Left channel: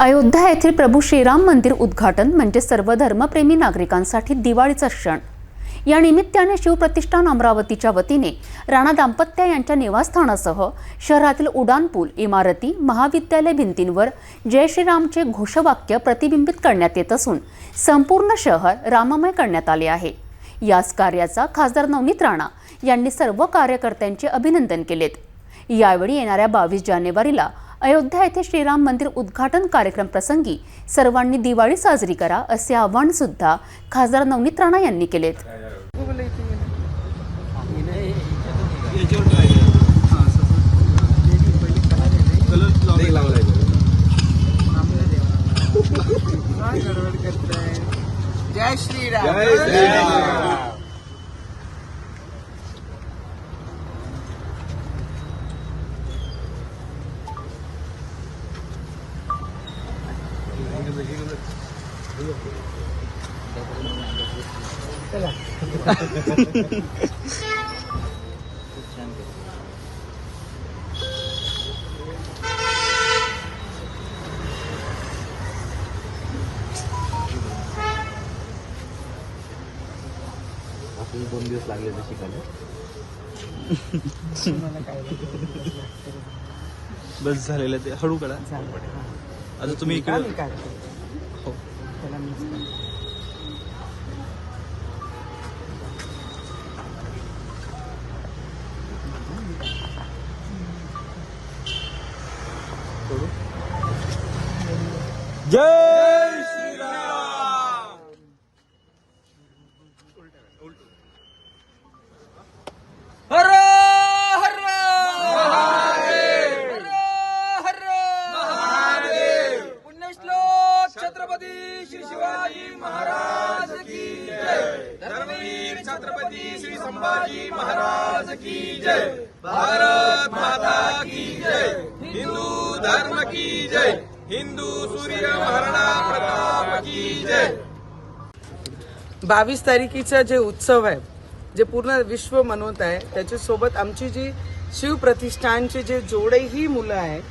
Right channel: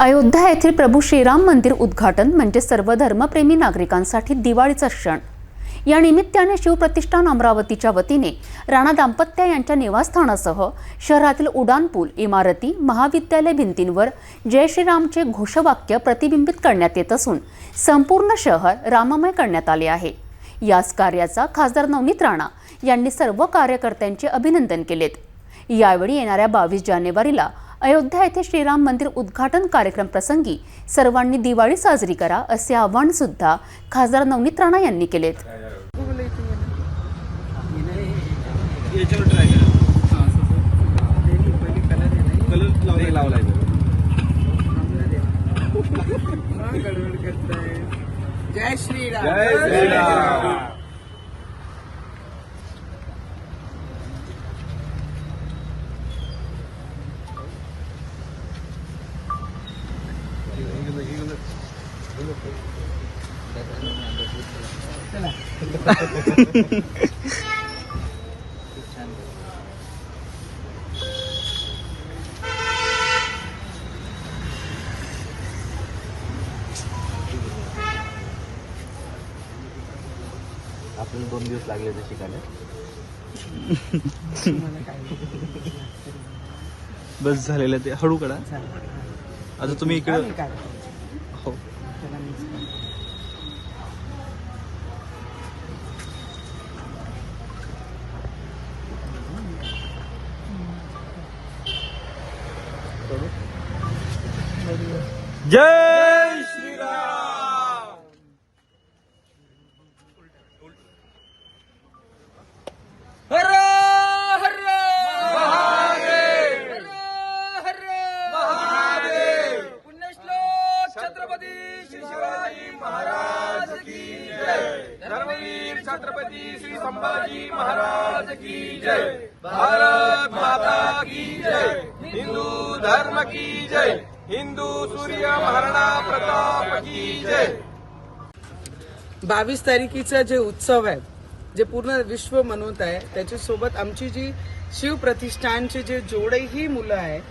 अयोध्या येथील प्रभू श्रीराम मंदिर उद्घाटन म्हणजे सर्व धर्मप्रेमी नागरिकांसाठी दिवाळीचा क्षण। या निमित्ताने शिवप्रतिष्ठान अमरावतीच्या वतीने राणा दाम्पत्य यांच्या निवासस्थानासह शहरातील उड्डाणपूल, इमारती, महाविद्यालय भिंतींवर जय श्रीरामचे घोषवाक्य प्रतिबिंबित करण्यात येत असून संपूर्ण शहर राममय करण्यात आले आहे। याच कार्याचा खासदार नवनीत राणा यांनी सर्व कार्यकर्त्यांचे अभिनंदन केलेत। यावेळी येणाऱ्या 22 जानेवारीला अयोध्या येथे श्रीराम मंदिर उद्घाटन कार्यक्रम प्रसंगी सर्वांनी दिवाळी साजरी करा असे आवाहन सुद्धा खासदार नवनीत राणा यांनी केलेत। जय श्रीराम, जय श्रीराम। आपण 2 दिवस लागले शिकायला। बस झालेलं ते हळू करा। आता तुम्ही इकडे जय श्रीराम। हर हर महादेव, हर महादेव। पुण्यश्लोक छत्रपती श्री शिवाजी महाराज की जय। धर्मवीर छत्रपती श्री संभाजी महाराज की जय। भारत माता की जय। हिंदू धर्म की जय। हिंदू सूर्य महाराणा प्रताप की जय। 22 तारखेचा जे उत्सव आहे, जे पूर्ण विश्व मनवत आहे, त्याच्यासोबत आमची जी शिव प्रतिष्ठानचे जे जेवढेही मुलं आहेत,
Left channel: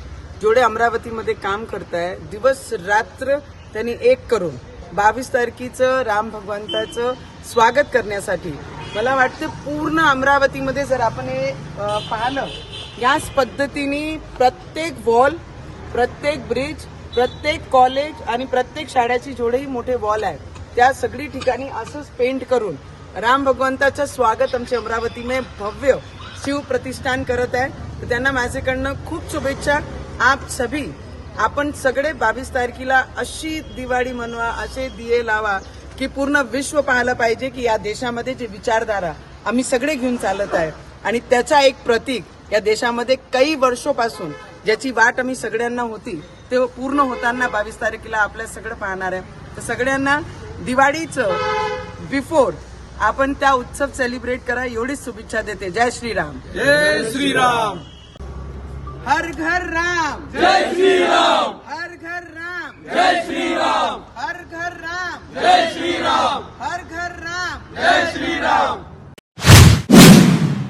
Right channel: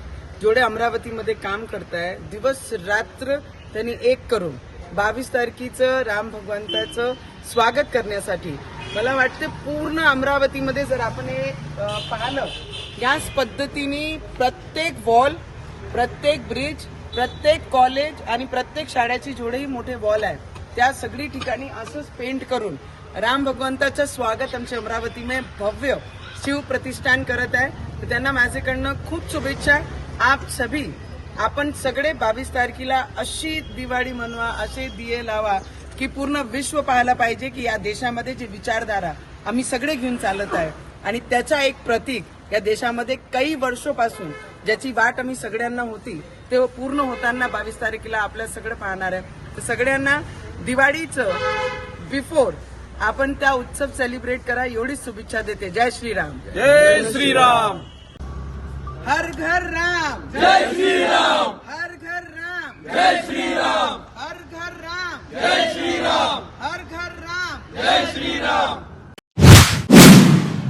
जेवढे अमरावतीमध्ये काम करत आहे, दिवस रात्र त्यांनी एक करून 22 तारखेचं राम भगवंताचं स्वागत करण्यासाठी मला वाटतं पूर्ण अमरावतीमध्ये जर आपण हे पाहिलं, याच पद्धतीने प्रत्येक वॉल, प्रत्येक ब्रिज, प्रत्येक कॉलेज आणि प्रत्येक शाळेची जेवढेही मोठे वॉल आहेत, त्या सगळी ठिकाणी असंच पेंट करून राम भगवंताचं स्वागत आमच्या अमरावतीमध्ये भव्य शिव प्रतिष्ठान करत आहे। तर त्यांना माझ्याकडनं खूप शुभेच्छा। आप सभी, आपण सगळे 22 तारखेला अशी दिवाळी मनवा, असे दिये लावा की पूर्ण विश्व पाहायला पाहिजे की या देशामध्ये जे विचारधारा आम्ही सगळे घेऊन चालत आहे आणि त्याचा एक प्रतीक या देशामध्ये काही वर्षापासून ज्याची वाट आम्ही सगळ्यांना होती ते पूर्ण होताना 22 तारखेला आपल्या सगळं पाहणार आहे। तर सगळ्यांना दिवाळीचं बिफोर आपण त्या उत्सव सेलिब्रेट करा एवढीच शुभेच्छा देते। जय श्रीराम, जय श्रीराम। हर घर राम, जय श्री